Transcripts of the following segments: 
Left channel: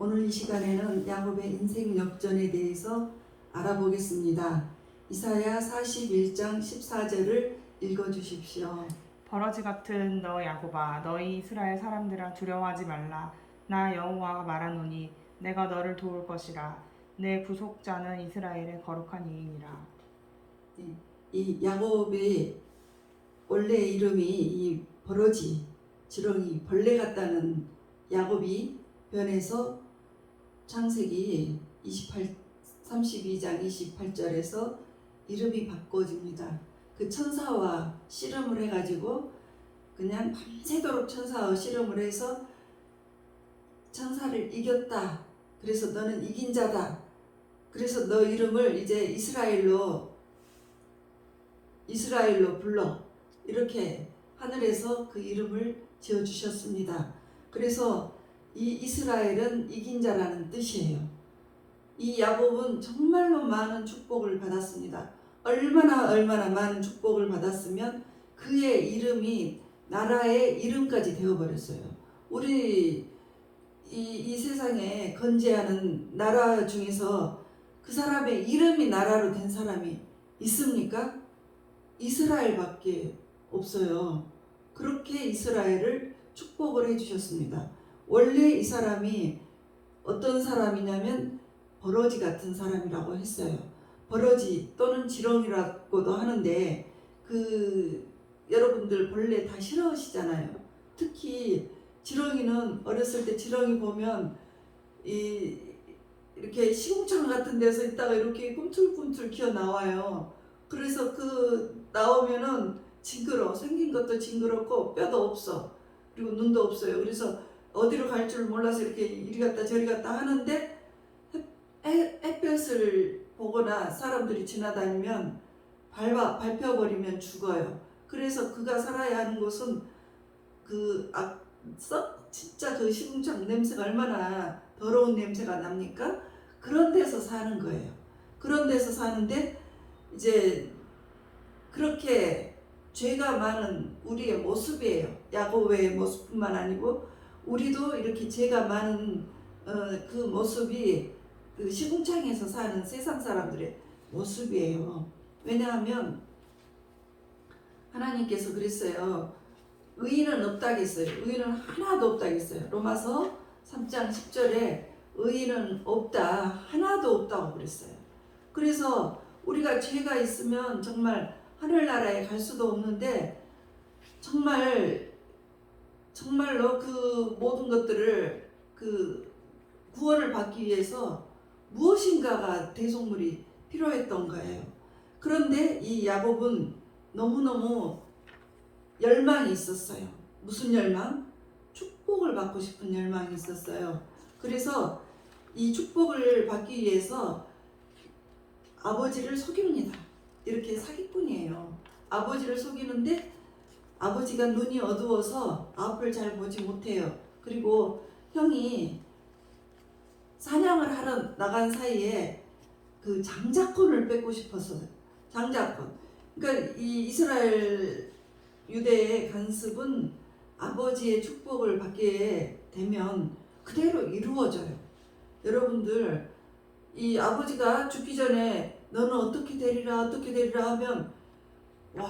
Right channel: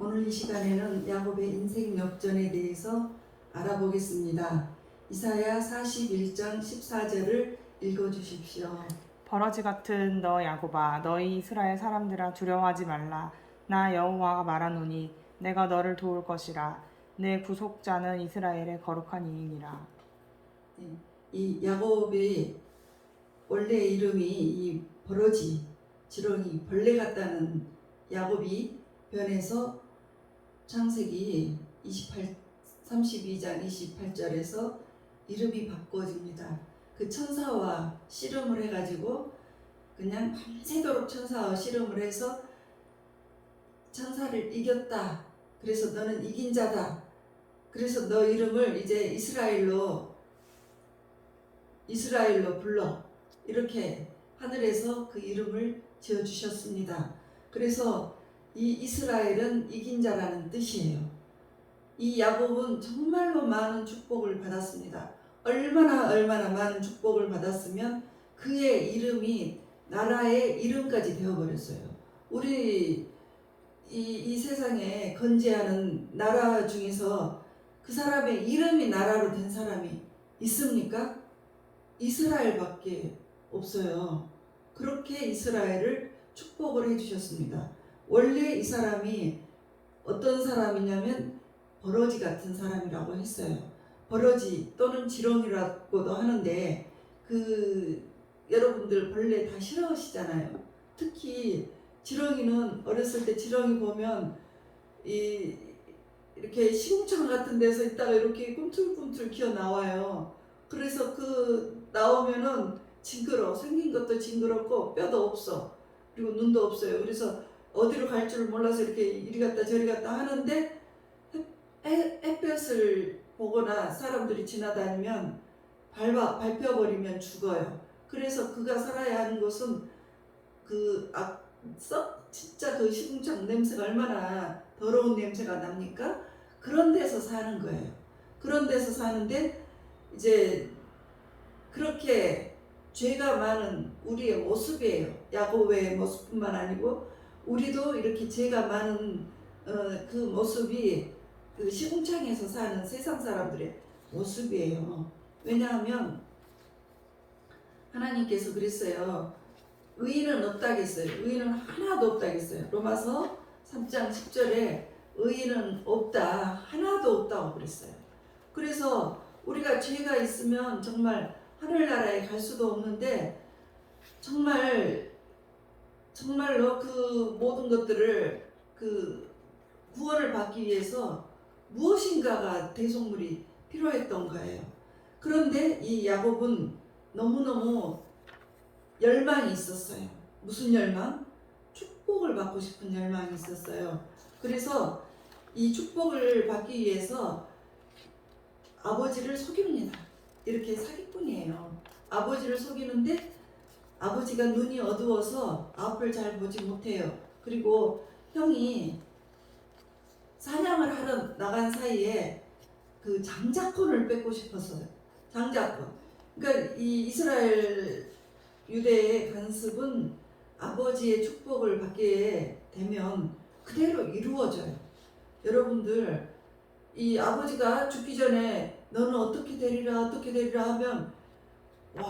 오늘 이 시간에는 야곱의 인생 역전에 대해서 알아보겠습니다. 이사야 41장 14절을 읽어주십시오. 버러지 같은 너 야곱아, 너희 이스라엘 사람들아, 두려워하지 말라. 나 여호와가 말하노니 내가 너를 도울 것이라. 내 구속자는 이스라엘의 거룩한 이인이라. 이 야곱의 원래 이름이 이 버러지, 지렁이, 벌레 같다는 야곱이 변해서 창세기 32장 28절에서 이름이 바꿔집니다. 그 천사와 씨름을 해가지고 그냥 밤새도록 천사와 씨름을 해서 천사를 이겼다. 그래서 너는 이긴 자다. 그래서 너 이름을 이제 이스라엘로 불러. 이렇게 하늘에서 그 이름을 지어주셨습니다. 그래서 이 이스라엘은 이긴 자라는 뜻이에요. 이 야곱은 정말로 많은 축복을 받았습니다. 얼마나 많은 축복을 받았으면 그의 이름이 나라의 이름까지 되어버렸어요. 우리 이 세상에 건재하는 나라 중에서 그 사람의 이름이 나라로 된 사람이 있습니까? 이스라엘밖에 없어요. 그렇게 이스라엘을 축복을 해주셨습니다. 원래 이 사람이 어떤 사람이냐면 버러지 같은 사람이라고 했어요. 버러지 또는 지렁이라고도 하는데 여러분들 벌레 다 싫어하시잖아요. 특히 지렁이는 어렸을 때 지렁이 보면 이렇게 시궁창 같은 데서 있다가 이렇게 꿈틀꿈틀 기어 나와요. 그래서 나오면은 징그러. 생긴 것도 징그럽고 뼈도 없어. 그리고 눈도 없어요. 그래서 어디로 갈 줄 몰라서 이렇게 이리 갔다 저리 갔다 하는데 햇볕을 보거나 사람들이 지나다니면 밟혀버리면 죽어요. 그래서 그가 살아야 하는 곳은 진짜 그 시궁창 냄새가 얼마나 더러운 냄새가 납니까? 그런 데서 사는 거예요. 그런 데서 사는데 이제 그렇게 죄가 많은 우리의 모습이에요. 야곱의 모습뿐만 아니고 우리도 이렇게 죄가 많은 그 모습이 그 시궁창에서 사는 세상 사람들의 모습이에요. 왜냐하면 하나님께서 그랬어요. 의인은 없다겠어요. 의인은 하나도 없다겠어요. 로마서 3장 10절에 의인은 없다. 하나도 없다고 그랬어요. 그래서 우리가 죄가 있으면 정말 하늘나라에 갈 수도 없는데 정말로 그 모든 것들을 구원을 받기 위해서 무엇인가가 대속물이 필요했던 거예요. 그런데 이 야곱은 너무너무 열망이 있었어요. 무슨 열망? 축복을 받고 싶은 열망이 있었어요. 그래서 이 축복을 받기 위해서 아버지를 속입니다. 이렇게 사기꾼이에요. 아버지를 속이는데 아버지가 눈이 어두워서 앞을 잘 보지 못해요. 그리고 형이 사냥을 하러 나간 사이에 그 장자권을 뺏고 싶었어요. 장자권. 그러니까 이 이스라엘 유대의 관습은 아버지의 축복을 받게 되면 그대로 이루어져요. 여러분들 이 아버지가 죽기 전에 너는 어떻게 되리라 하면 와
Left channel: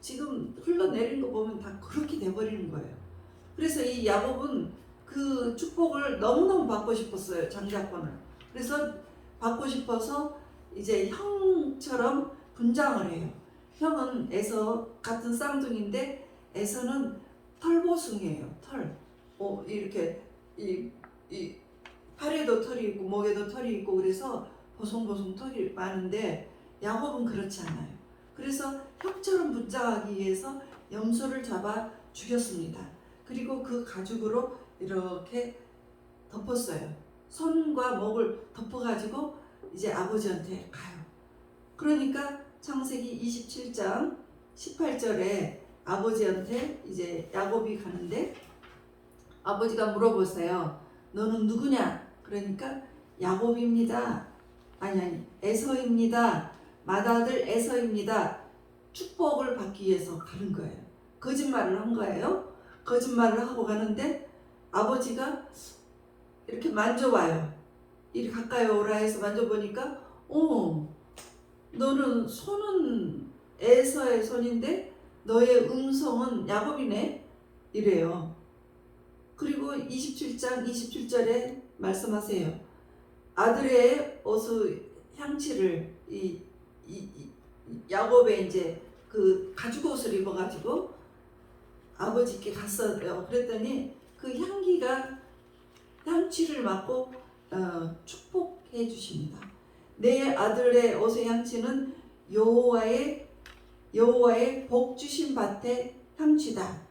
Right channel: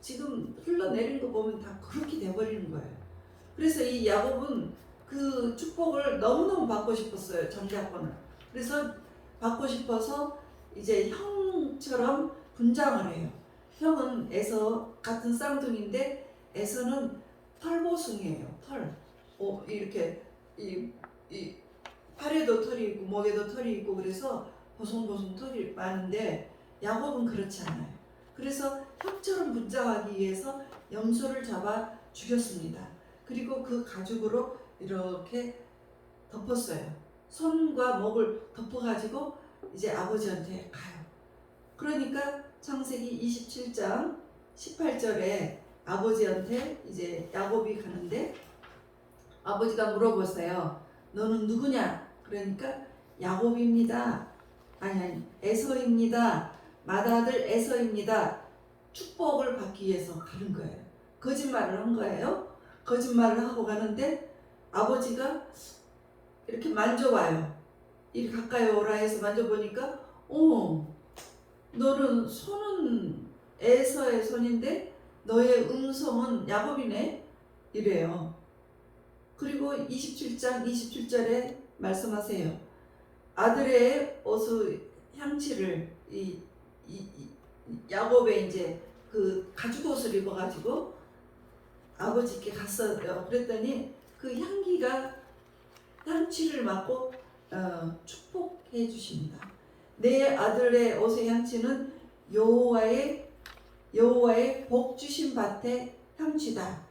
지금 흘러내린 거 보면 다 그렇게 돼버리는 거예요. 그래서 이 야곱은 그 축복을 너무너무 받고 싶었어요. 장자권을. 그래서 받고 싶어서 이제 형처럼 분장을 해요. 형은 에서 같은 쌍둥이인데 에서는 털보숭이에요. 털. 이렇게 이 팔에도 털이 있고 목에도 털이 있고 그래서 보송보송 털이 많은데 야곱은 그렇지 않아요. 그래서 형처럼 분장하기 위해서 염소를 잡아 죽였습니다. 그리고 그 가죽으로 이렇게 덮었어요. 손과 목을 덮어가지고 이제 아버지한테 가요. 그러니까 창세기 27장 18절에 아버지한테 이제 야곱이 가는데 아버지가 물어보세요. 너는 누구냐? 그러니까 야곱입니다. 아니 에서입니다. 맏아들 에서입니다. 축복을 받기 위해서 가는 거예요. 거짓말을 한 거예요. 거짓말을 하고 가는데 아버지가 이렇게 만져봐요. 이리 가까이 오라 해서 만져보니까 너는 손은 에서의 손인데 너의 음성은 야곱이네 이래요. 그리고 27장 27절에 말씀하세요. 아들의 옷의 향취를 야곱의 이제 그 가죽 옷을 입어가지고 아버지께 갔어요. 그랬더니 그 향취를 맡고 축복해 주십니다. 내 아들의 옷의 향취는 여호와의 복 주신 밭의 향취다.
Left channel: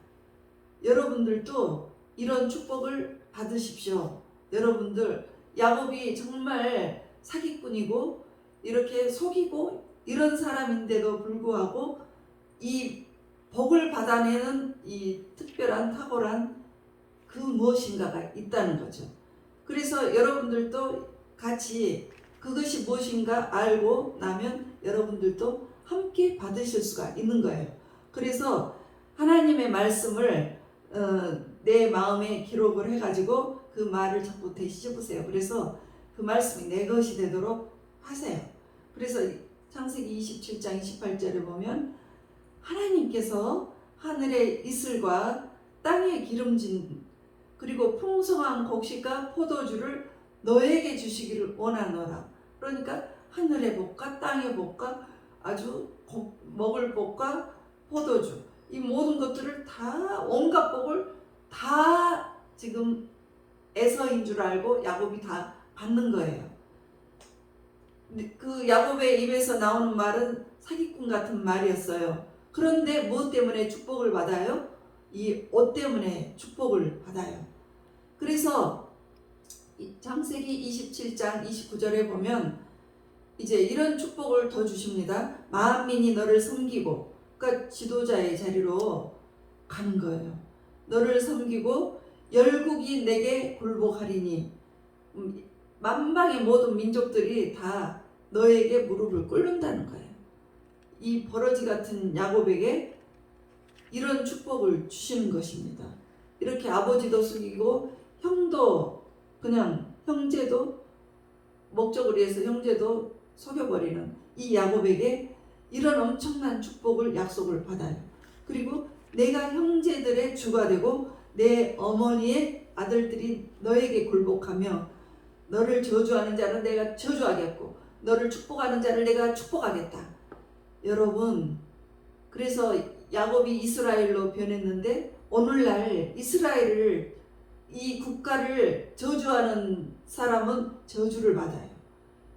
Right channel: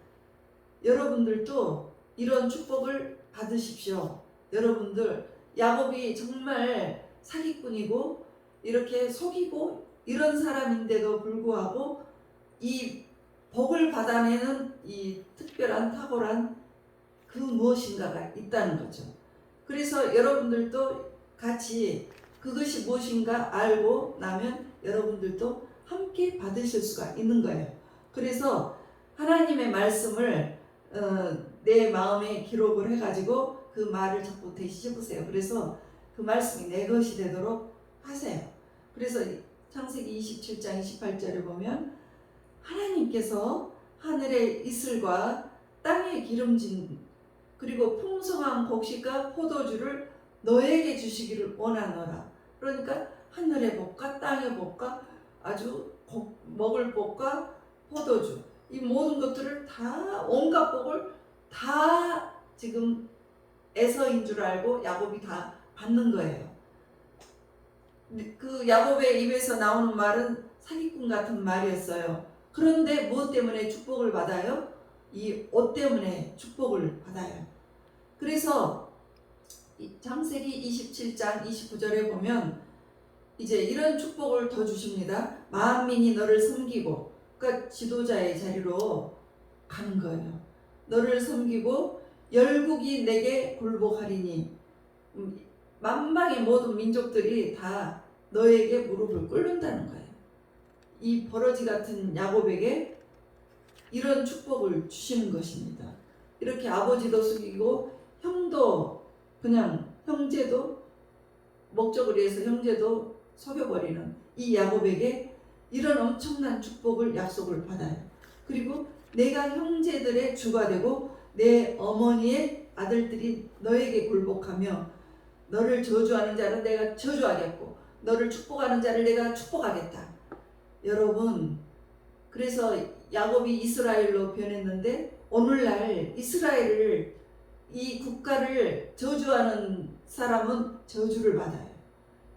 여러분들도 이런 축복을 받으십시오. 여러분들 야곱이 정말 사기꾼이고 이렇게 속이고 이런 사람인데도 불구하고 이 복을 받아내는 이 특별한 탁월한 그 무엇인가가 있다는 거죠. 그래서 여러분들도 같이 그것이 무엇인가 알고 나면 여러분들도 함께 받으실 수가 있는 거예요. 그래서 하나님의 말씀을 내 마음에 기록을 해가지고 그 말을 자꾸 되씹으세요. 그래서 그 말씀이 내 것이 되도록 하세요. 그래서 창세기 27장 28절에 보면 하나님께서 하늘의 이슬과 땅의 기름진 그리고 풍성한 곡식과 포도주를 너에게 주시기를 원하노라. 그러니까 하늘의 복과 땅의 복과 아주 먹을 복과 포도주 이 모든 것들을 다 온갖 복을 다 지금 에서인 줄 알고 야곱이 다 받는 거예요. 그 야곱의 입에서 나오는 말은 사기꾼 같은 말이었어요. 그런데 무엇 때문에 축복을 받아요? 이 옷 때문에 축복을 받아요. 그래서 창세기 27장 29절에 보면 이제 이런 축복을 더 주십니다. 만민이 너를 섬기고, 그러니까 지도자의 자리로 가는 거예요. 너를 섬기고 열국이 내게 굴복하리니 만방의 모든 민족들이 다 너에게 무릎을 꿇는다는 거예요. 이 버러지 같은 야곱에게 이런 축복을 주시는 것입니다. 이렇게 아버지도 속이고 형도 그냥 형제도 목적을 위해서 형제도 속여버리는 이 야곱에게 이런 엄청난 축복을 약속을 받아요. 그리고 내가 형제들의 주가 되고 내 어머니의 아들들이 너에게 굴복하며 너를 저주하는 자는 내가 저주하겠고 너를 축복하는 자를 내가 축복하겠다. 여러분, 그래서 야곱이 이스라엘로 변했는데 오늘날 이스라엘을 이 국가를 저주하는 사람은 저주를 받아요.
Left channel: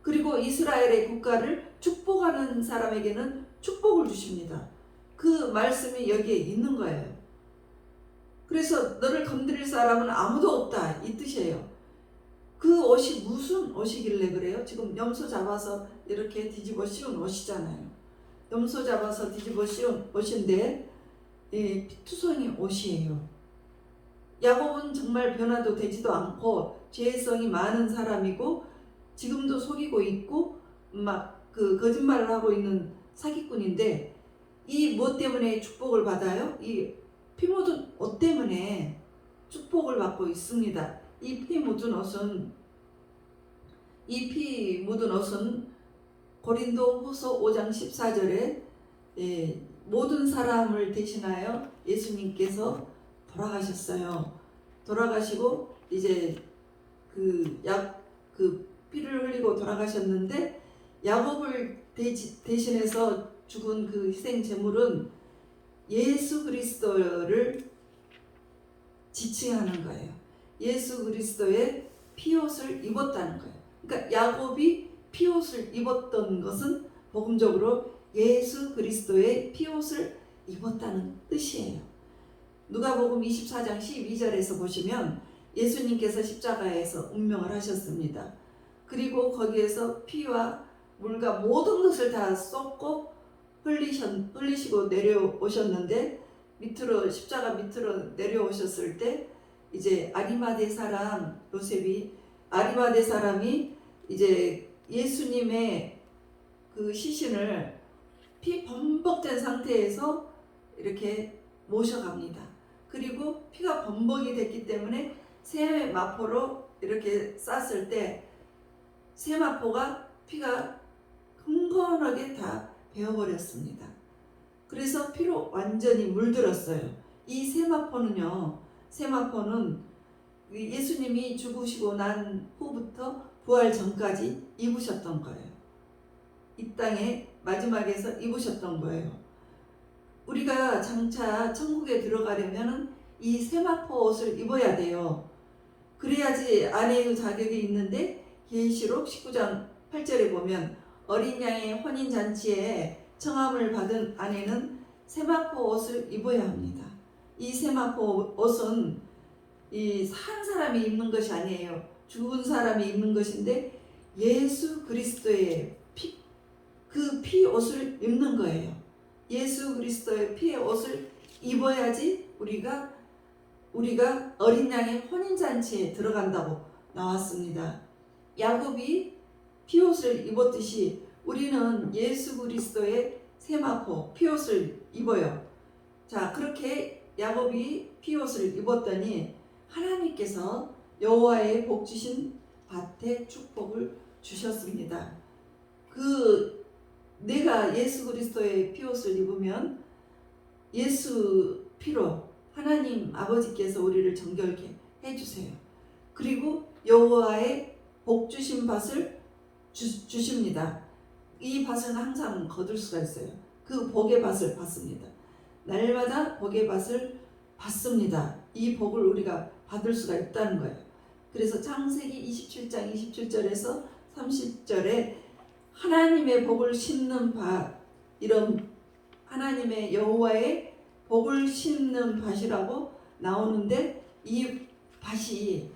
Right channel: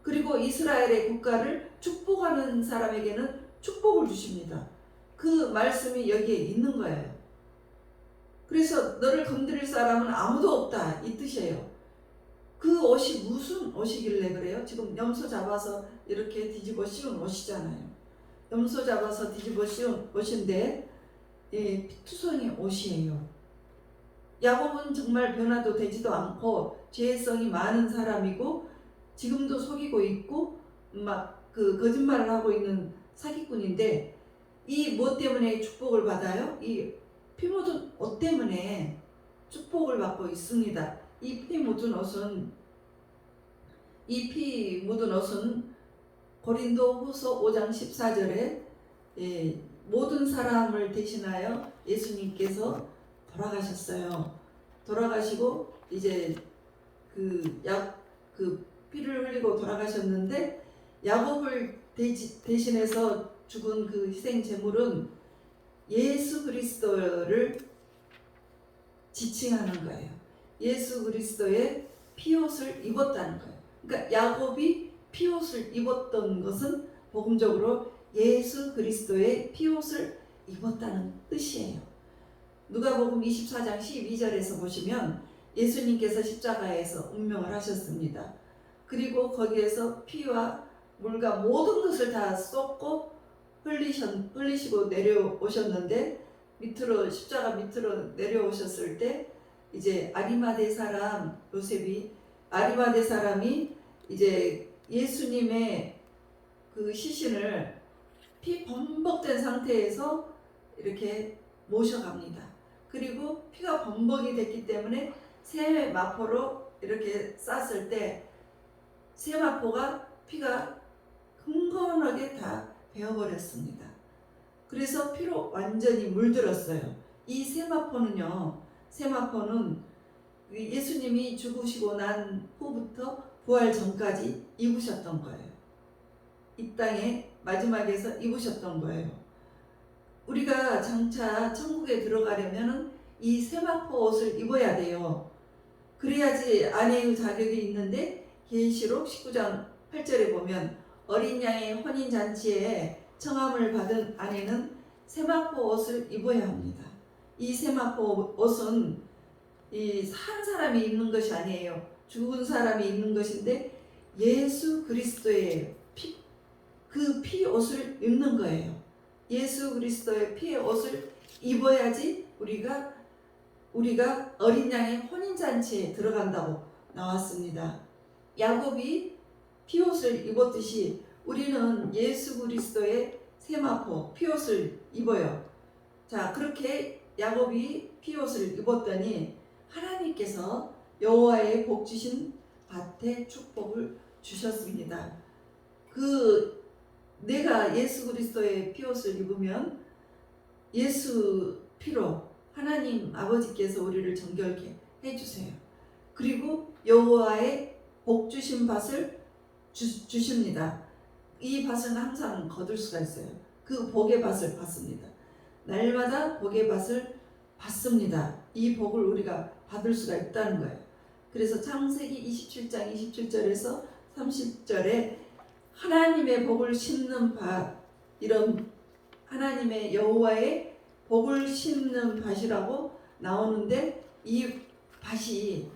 그리고 이스라엘의 국가를 축복하는 사람에게는 축복을 주십니다. 그 말씀이 여기에 있는 거예요. 그래서 너를 건드릴 사람은 아무도 없다 이 뜻이에요. 그 옷이 무슨 옷이길래 그래요? 지금 염소 잡아서 이렇게 뒤집어 씌운 옷이잖아요. 염소 잡아서 뒤집어 씌운 옷인데 피투성이 옷이에요. 야곱은 정말 변화도 되지도 않고 죄성이 많은 사람이고 지금도 속이고 있고 막 그 거짓말을 하고 있는 사기꾼인데 이 뭐 때문에 축복을 받아요? 이 피 묻은 옷 때문에 축복을 받고 있습니다. 이 피 묻은 옷은 고린도후서 5장 14절에 모든 사람을 대신하여 예수님께서 돌아가셨어요. 돌아가시고 이제 그 피를 흘리고 돌아가셨는데 야곱을 대신해서 죽은 그 희생 제물은 예수 그리스도를 지칭하는 거예요. 예수 그리스도의 피옷을 입었다는 거예요. 그러니까 야곱이 피옷을 입었던 것은 복음적으로 예수 그리스도의 피옷을 입었다는 뜻이에요. 누가복음 24장 12절에서 보시면 예수님께서 십자가에서 운명을 하셨습니다. 그리고 거기에서 피와 물과 모든 것을 다 쏟고 흘리시고 내려오셨는데 십자가 밑으로 내려오셨을 때 이제 아리마대 사람 요셉이 아리마대 사람이 이제 예수님의 그 시신을 피 범벅된 상태에서 이렇게 모셔갑니다. 그리고 피가 범벅이 됐기 때문에 새 마포로 이렇게 쌌을 때 세마포가 피가 흥건하게 다 베어버렸습니다. 그래서 피로 완전히 물들었어요. 이 세마포는 예수님이 죽으시고 난 후부터 부활 전까지 입으셨던 거예요. 이 땅에 마지막에서 입으셨던 거예요. 우리가 장차 천국에 들어가려면 이 세마포 옷을 입어야 돼요. 그래야지 아내의 자격이 있는데 계시록 19장 8절에 보면 어린 양의 혼인잔치에 청함을 받은 아내는 세마포 옷을 입어야 합니다. 이 세마포 옷은 산 사람이 입는 것이 아니에요. 죽은 사람이 입는 것인데 예수 그리스도의 그 피 옷을 입는 거예요. 예수 그리스도의 피의 옷을 입어야지 우리가 어린 양의 혼인잔치에 들어간다고 나왔습니다. 야곱이 피옷을 입었듯이 우리는 예수 그리스도의 세마포 피옷을 입어요. 자, 그렇게 야곱이 피옷을 입었더니 하나님께서 여호와의 복 주신 밭에 축복을 주셨습니다. 내가 예수 그리스도의 피옷을 입으면 예수 피로 하나님 아버지께서 우리를 정결케 해주세요. 그리고 여호와의 복 주신 밭을 주십니다. 이 밭은 항상 거둘 수가 있어요. 그 복의 밭을 받습니다. 날마다 복의 밭을 받습니다. 이 복을 우리가 받을 수가 있다는 거예요. 그래서 창세기 27장 27절에서 30절에 하나님의 복을 심는 밭, 이런 하나님의 여호와의 복을 심는 밭이라고 나오는데, 이 밭이,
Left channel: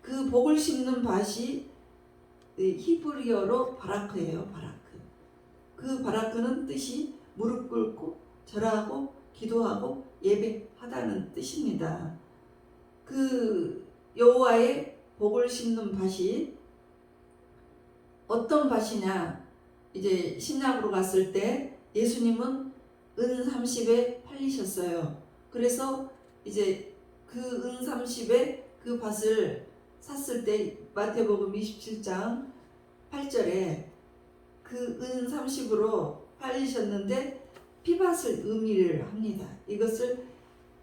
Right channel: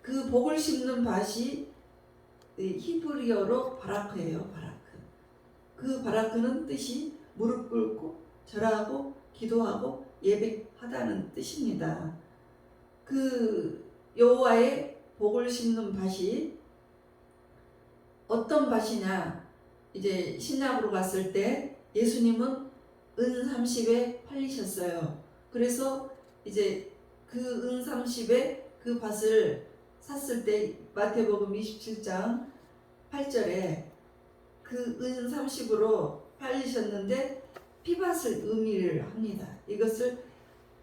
그 복을 심는 밭이 히브리어로 바라크예요. 바라크. 그 바라크는 뜻이 무릎 꿇고 절하고 기도하고 예배하다는 뜻입니다. 그 여호와의 복을 심는 밭이 어떤 밭이냐? 이제 신약으로 갔을 때 예수님은 은 30에 팔리셨어요. 그래서 이제 그 은 30에 그 밭을 샀을 때 마태복음 27장 8절에 그 은 30으로 팔리셨는데 피밭을 의미를 합니다. 이것을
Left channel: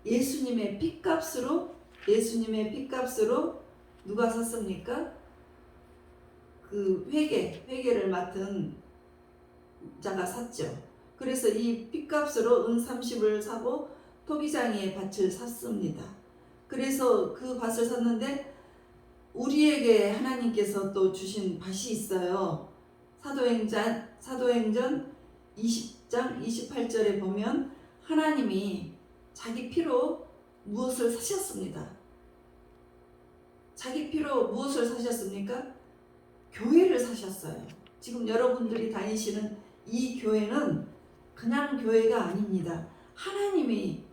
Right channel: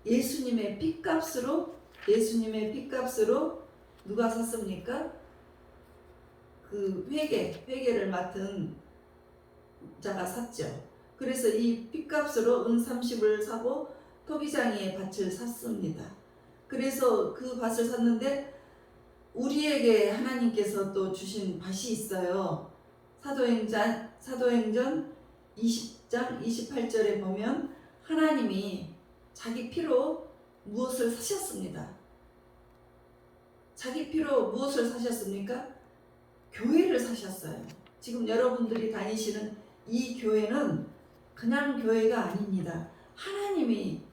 예수님의 피값으로 누가 샀습니까? 그 회계를 맡은 자가 샀죠. 그래서 이 피값으로 은 30을 사고 토기장이의 밭을 샀습니다. 그래서 그 밭을 샀는데 우리에게 하나님께서 또 주신 밭이 있어요. 사도행전 20장 28절에 보면 하나님이 자기 피로 무엇을 사셨습니다. 자기 피로 무엇을 사셨습니까? 교회를 사셨어요. 지금 여러분들이 다니시는 이 교회는 그냥 교회가 아닙니다. 하나님이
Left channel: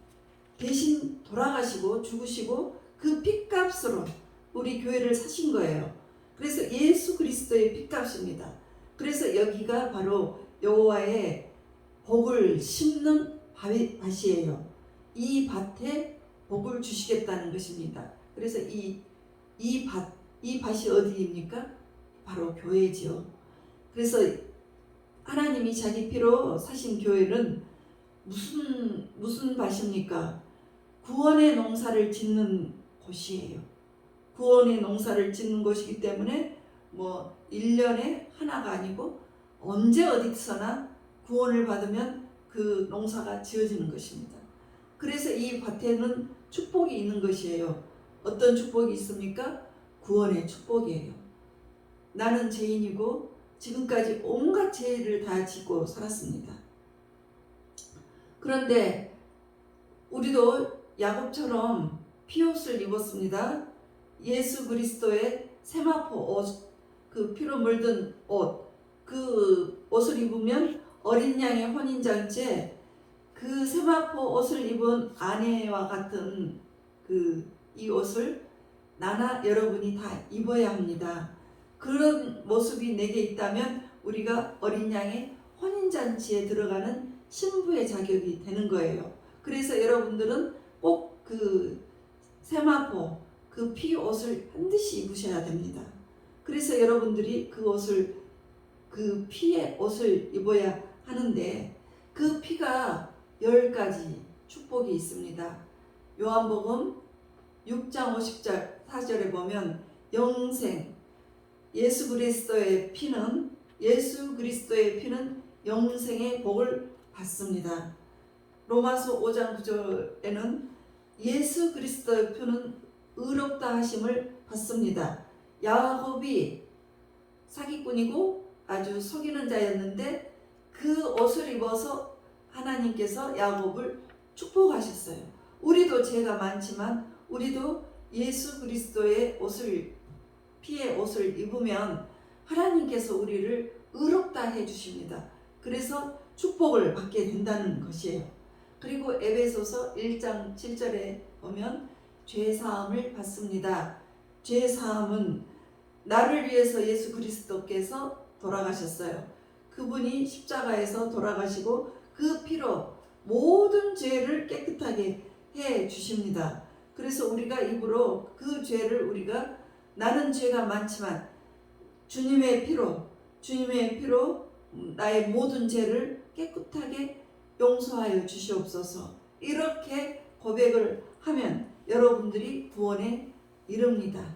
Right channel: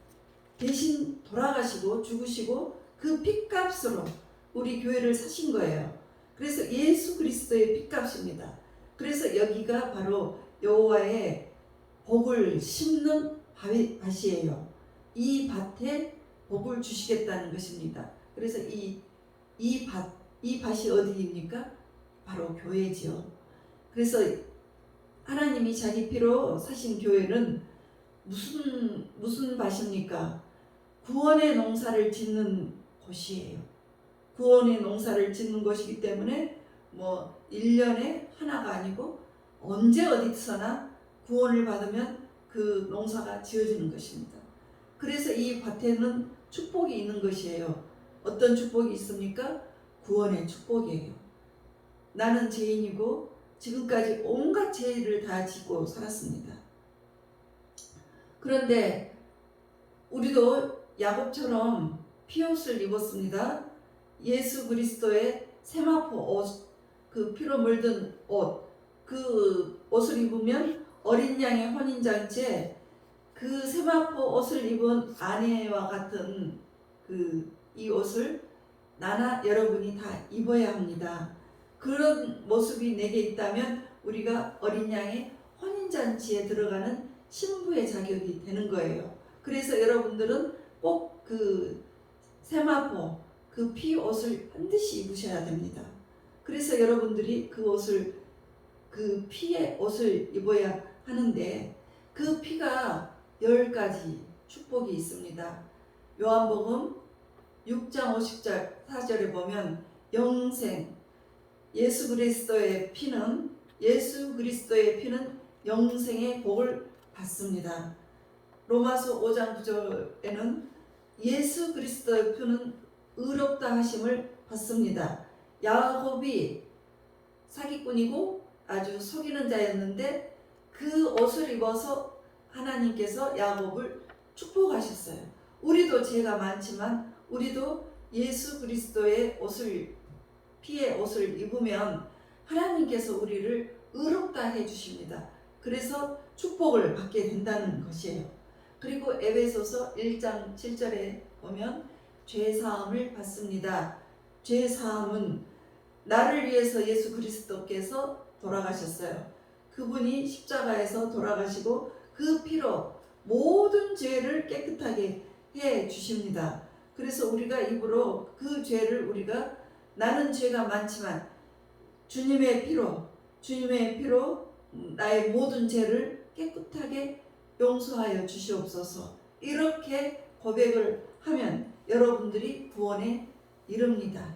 대신 돌아가시고 죽으시고 그 핏값으로 우리 교회를 사신 거예요. 그래서 예수 그리스도의 핏값입니다. 그래서 여기가 바로 여호와의 복을 심는 밭이에요. 이 밭에 복을 주시겠다는 것입니다. 그래서 이 밭이 어디입니까? 바로 교회지요. 그래서 하나님이 자기 피로 사신 교회는 무슨 밭입니까? 구원의 농사를 짓는 곳이에요. 구원의 농사를 짓는 곳이기 때문에 1년에 하나가 아니고 언제 어디서나 구원을 받으면 그 농사가 지어지는 것입니다. 그래서 이 밭에는 축복이 있는 것이에요. 어떤 축복이 있습니까? 구원의 축복이에요. 나는 죄인이고 지금까지 온갖 죄를 다 짓고 살았습니다. 그런데 우리도 야곱처럼 피옷을 입었습니다. 예수 그리스도의 세마포 옷, 그 피로 물든 옷, 그 옷을 입으면 어린 양의 혼인잔치에 그 세마포 옷을 입은 아내와 같은 이 옷을 나나 여러분이 다 입어야 합니다. 그런 모습이 내게 있다면 우리가 어린 양의 혼인잔치에 들어가는 신부의 자격이 되는 거예요. 그래서 여러분들은 꼭 그 세마포, 그 피 옷을 반드시 입으셔야 됩니다. 그래서 여러분들이 그 옷을, 그 피의 옷을 입어야 하는데 그 피가 10가지 축복이 있습니다. 요한복음 6장 54절에 보면 영생, 예수 그리스도의 피는 영생의 복을 받습니다. 로마서 5장 9절에는 예수 그리스도의 피는 의롭다 하심을 받습니다. 야곱이 사기꾼이고 아주 속이는 자였는데 그 옷을 입어서 하나님께서 야곱을 축복하셨어요. 우리도 죄가 많지만 우리도 예수 그리스도의 옷을, 피의 옷을 입으면 하나님께서 우리를 의롭다 해주십니다. 그래서 축복을 받게 된다는 것이에요. 그리고 에베소서 1장 7절에 보면 죄사함을 받습니다. 죄사함은 나를 위해서 예수 그리스도께서 돌아가셨어요. 그분이 십자가에서 돌아가시고 그 피로 모든 죄를 깨끗하게 해 주십니다. 그래서 우리가 입으로 그 죄를 우리가, 나는 죄가 많지만 주님의 피로 나의 모든 죄를 깨끗하게 용서하여 주시옵소서. 이렇게 고백을 하면 여러분들이 구원에 이릅니다.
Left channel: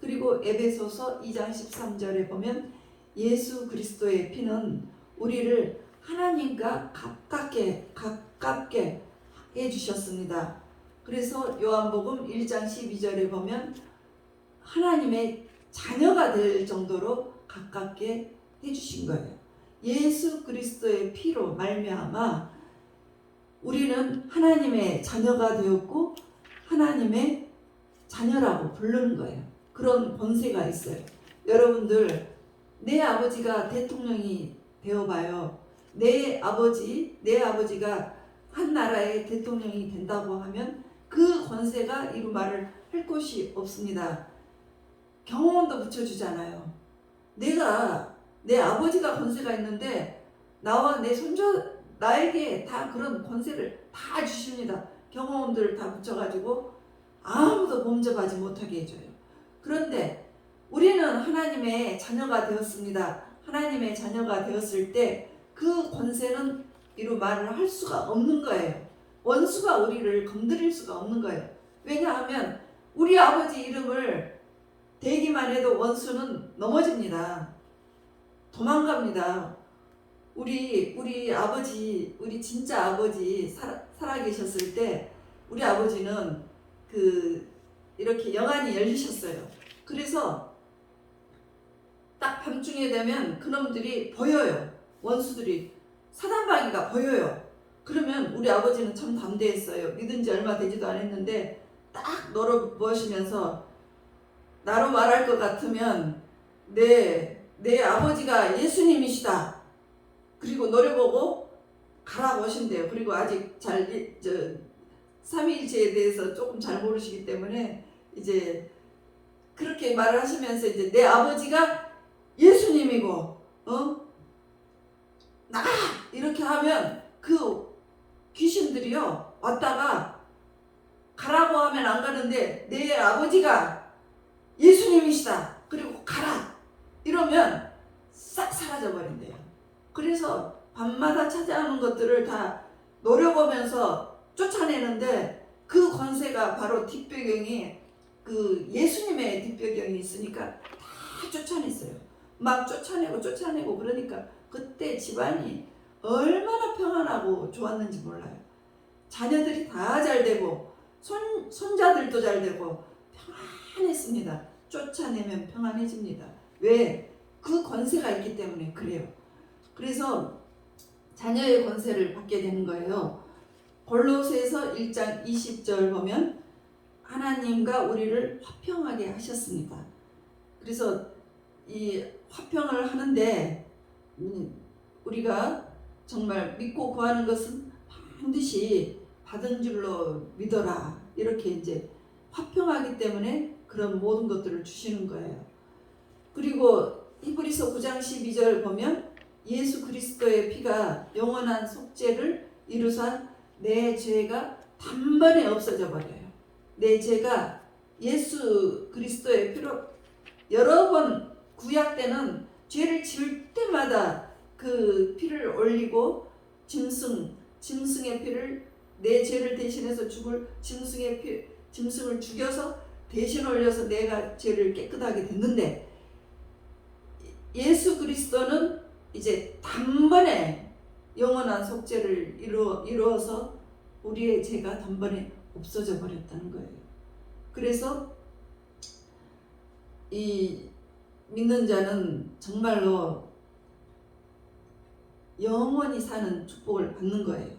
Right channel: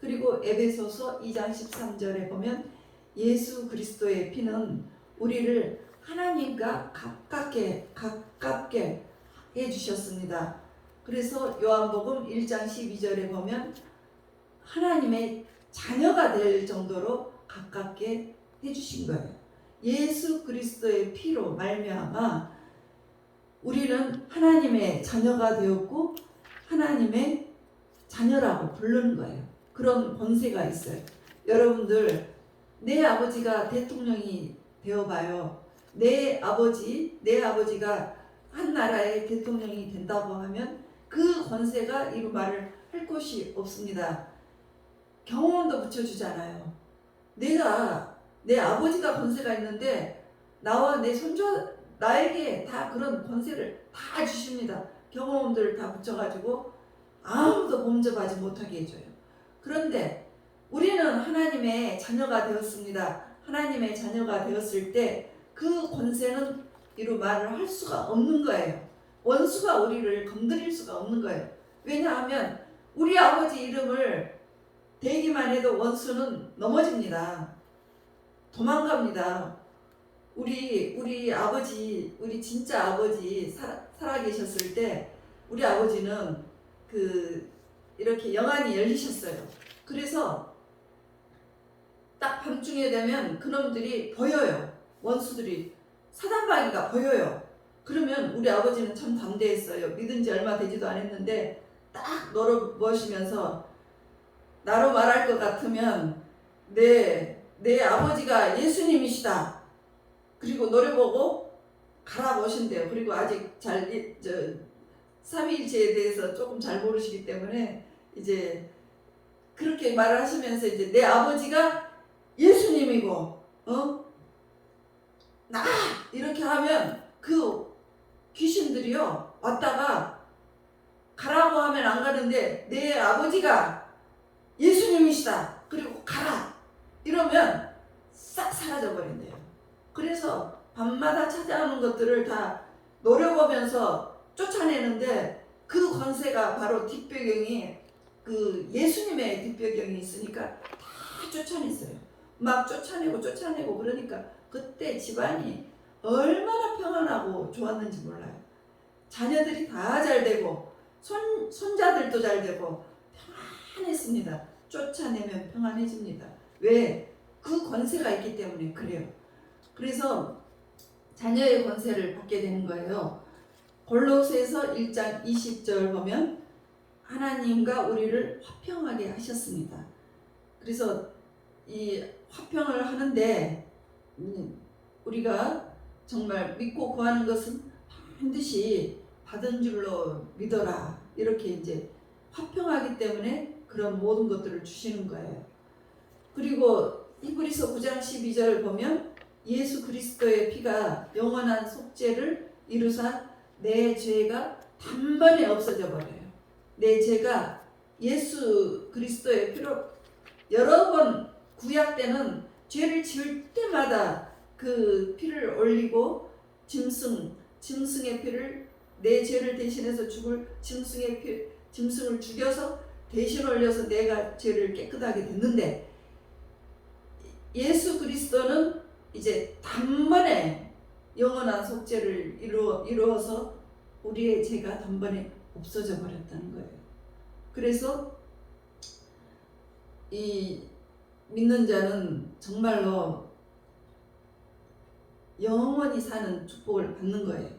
그리고 에베소서 2장 13절에 보면 예수 그리스도의 피는 우리를 하나님과 가깝게 해주셨습니다. 그래서 요한복음 1장 12절에 보면 하나님의 자녀가 될 정도로 가깝게 해주신 거예요. 예수 그리스도의 피로 말미암아 우리는 하나님의 자녀가 되었고 하나님의 자녀라고 부르는 거예요. 그런 권세가 있어요. 여러분들, 내 아버지가 대통령이 되어봐요. 내 아버지가 한 나라의 대통령이 된다고 하면 그 권세가 이루 말을 할 곳이 없습니다. 경호원도 붙여주잖아요. 내 아버지가 권세가 있는데 나와 내 손주, 나에게 다 그런 권세를 다 주십니다. 경호원들 다 붙여가지고 아무도 범접하지 못하게 해줘요. 그런데 우리는 하나님의 자녀가 되었습니다. 하나님의 자녀가 되었을 때 그 권세는 이루 말을 할 수가 없는 거예요. 원수가 우리를 건드릴 수가 없는 거예요. 왜냐하면 우리 아버지 이름을 대기만 해도 원수는 넘어집니다. 도망갑니다. 우리 아버지, 우리 진짜 아버지 살아 계셨을 때 우리 아버지는 이렇게 영안이 열리셨어요. 그래서 딱 밤중에 되면 그놈들이 보여요. 원수들이, 사단마귀가 보여요. 그러면 우리 아버지는 참 담대했어요. 믿은 지 얼마 되지도 않았는데 딱 노려보시면서 나로 말할 것 같으면 내 아버지가 예수님이시다. 그리고 노려보고 가라고 하신대요. 그리고 아직 삼위일체에 대해서 조금 잘 모르시기 때문에 이제 그렇게 말을 하시면서 이제 내 아버지가 예수님이고 나 이렇게 하면 그 귀신들이요 왔다가 가라고 하면 안 가는데 내 아버지가 예수님이시다. 그리고 가라 이러면 싹 사라져 버린대요. 그래서 밤마다 찾아오는 것들을 다 노려보면서 쫓아내는데 그 권세가 바로 뒷배경이 그 예수님의 뒷배경이 있으니까 다 쫓아냈어요. 막 쫓아내고 그러니까 그때 집안이 얼마나 평안하고 좋았는지 몰라요. 자녀들이 다 잘 되고 손자들도 잘 되고 평안했습니다. 쫓아내면 평안해집니다. 왜? 그 권세가 있기 때문에 그래요. 그래서 자녀의 권세를 받게 되는 거예요. 골로새서 1장 20절 보면 하나님과 우리를 화평하게 하셨습니다. 그래서 이 화평을 하는데 우리가 정말 믿고 구하는 것은 반드시 받은 줄로 믿어라. 이렇게 이제 화평하기 때문에 그런 모든 것들을 주시는 거예요. 그리고 히브리서 9장 12절 보면 예수 그리스도의 피가 영원한 속죄를 이루사 내 죄가 단번에 없어져 버려요. 내 죄가 예수 그리스도의 피로 여러 번 구약 때는 죄를 지을 때마다 그 피를 올리고 짐승의 피를 내 죄를 대신해서 죽을 짐승을 죽여서 대신 올려서 내가 죄를 깨끗하게 됐는데 예수 그리스도는 이제 단번에 영원한 속죄를 이루어서 우리의 죄가 단번에 없어져 버렸다는 거예요. 그래서 이 믿는 자는 정말로 영원히 사는 축복을 받는 거예요.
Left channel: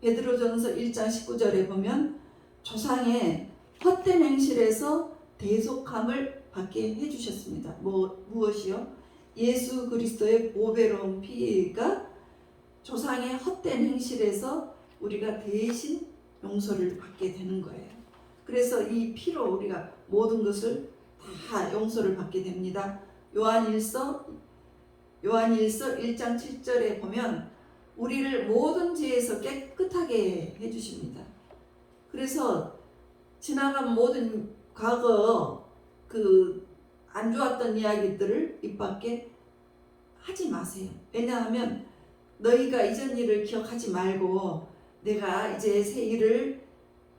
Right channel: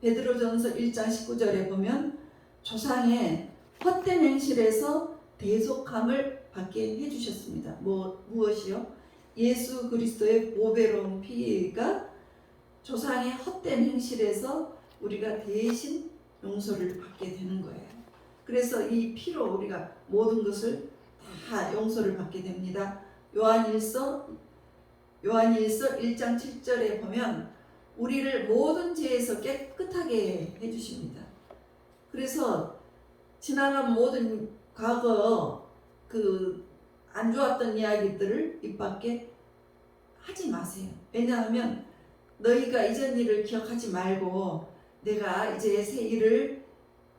베드로전서 1장 19절에 보면 조상의 헛된 행실에서 대속함을 받게 해주셨습니다. 무엇이요? 예수 그리스도의 보배로운 피가 조상의 헛된 행실에서 우리가 대신 용서를 받게 되는 거예요. 그래서 이 피로 우리가 모든 것을 다 용서를 받게 됩니다. 요한일서 1장 7절에 보면 우리를 모든 죄에서 깨끗하게 해주십니다. 그래서 지나간 모든 과거 그 안 좋았던 이야기들을 입 밖에 하지 마세요. 왜냐하면 너희가 이전 일을 기억하지 말고 내가 이제 새 일을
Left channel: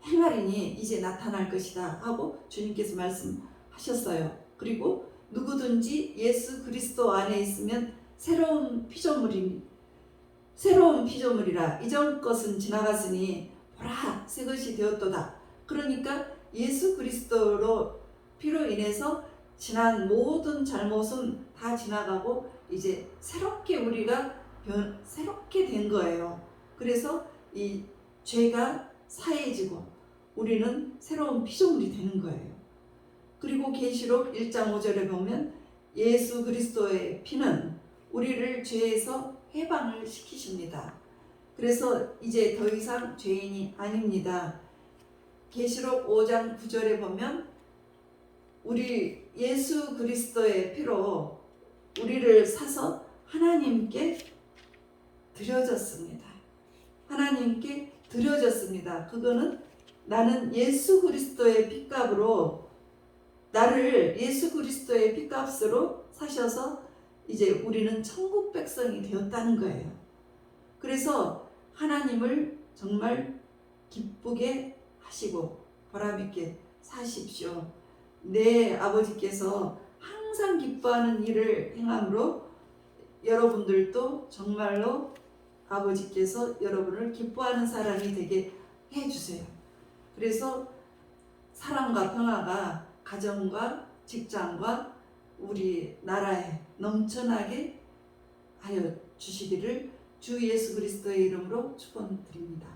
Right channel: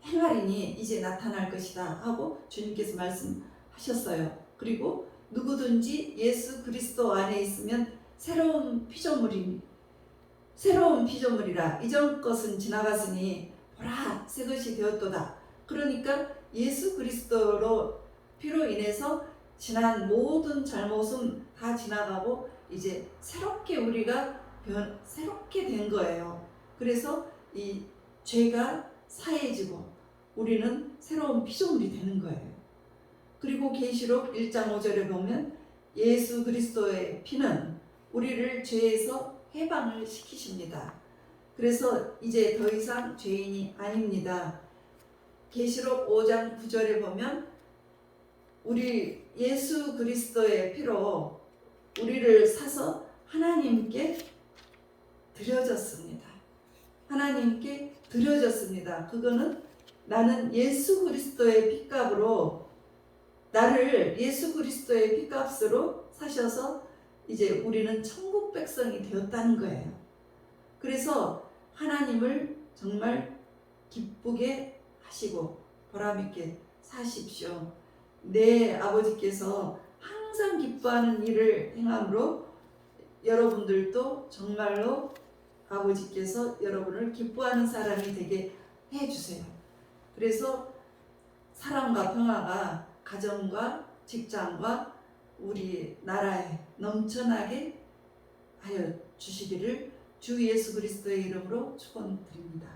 행하리니 이제 나타날 것이다 하고 주님께서 말씀하셨어요. 그리고 누구든지 예수 그리스도 안에 있으면 새로운 피조물이라 이전 것은 지나갔으니 보라 새 것이 되었도다. 그러니까 예수 그리스도로 피로 인해서 지난 모든 잘못은 다 지나가고 이제 새롭게 우리가 새롭게 된 거예요. 그래서 이 죄가 사해지고 우리는 새로운 피조물이 되는 거예요. 그리고 계시록 1장 5절에 보면 예수 그리스도의 피는 우리를 죄에서 해방을 시키십니다. 그래서 이제 더 이상 죄인이 아닙니다. 계시록 5장 9절에 보면 우리 예수 그리스도의 피로 우리를 사서 하나님께 드려졌습니다. 하나님께 드려졌습니다. 그거는 나는 예수 그리스도의 핏값으로 나를 예수 그리스도의 핏값으로 사셔서 이제 우리는 천국 백성이 되었다는 거예요. 그래서 하나님을 정말 기쁘게 하시고 보람있게 사십시오. 내 아버지께서 항상 기뻐하는 일을 행함으로 여러분들도 정말로 아버지께서 여러분을 기뻐하는 사람이 되게 해주세요. 그래서 사랑과 평화가 가정과 직장과 우리 나라에 넘쳐나게 하여 주시기를 주 예수 그리스도의 이름으로 축원드립니다.